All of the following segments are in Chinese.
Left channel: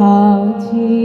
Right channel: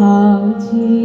好、啊、听。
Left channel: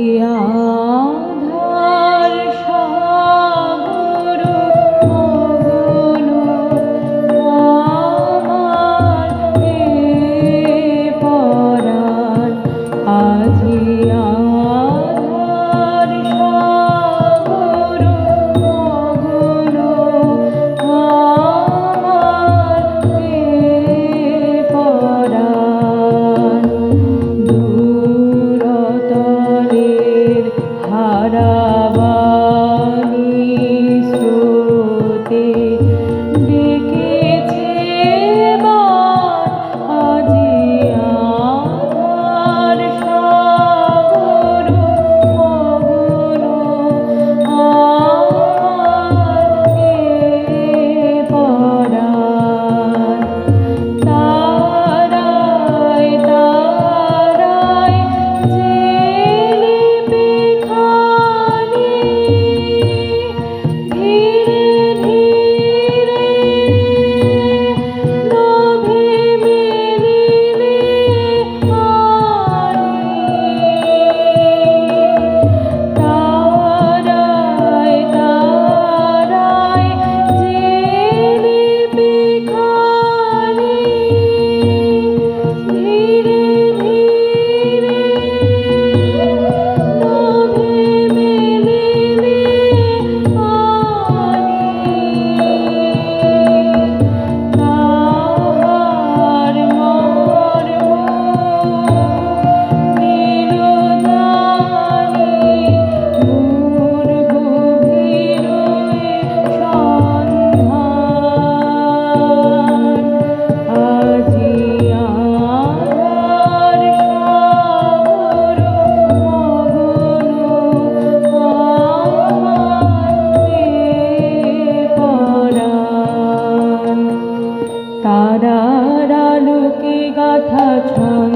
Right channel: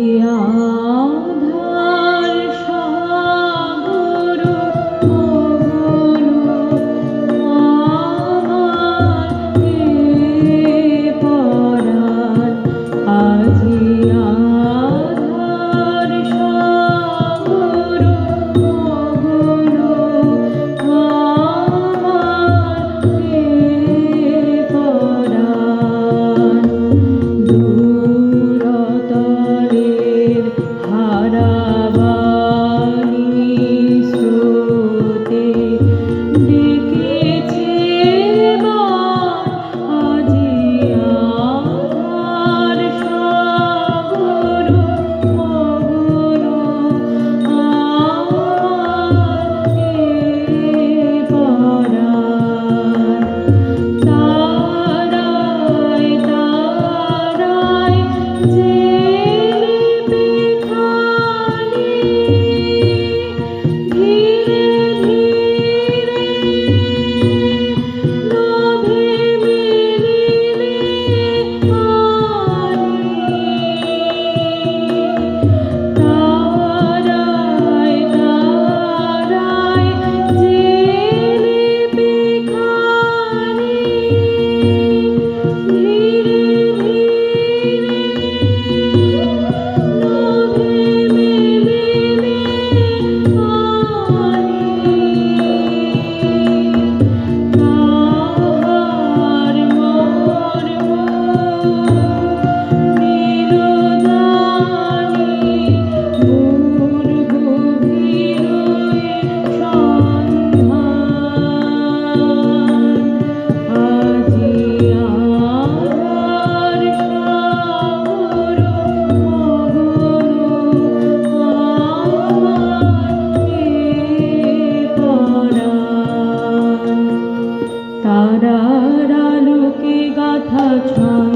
তারার আলোকে গাথা ছন্দ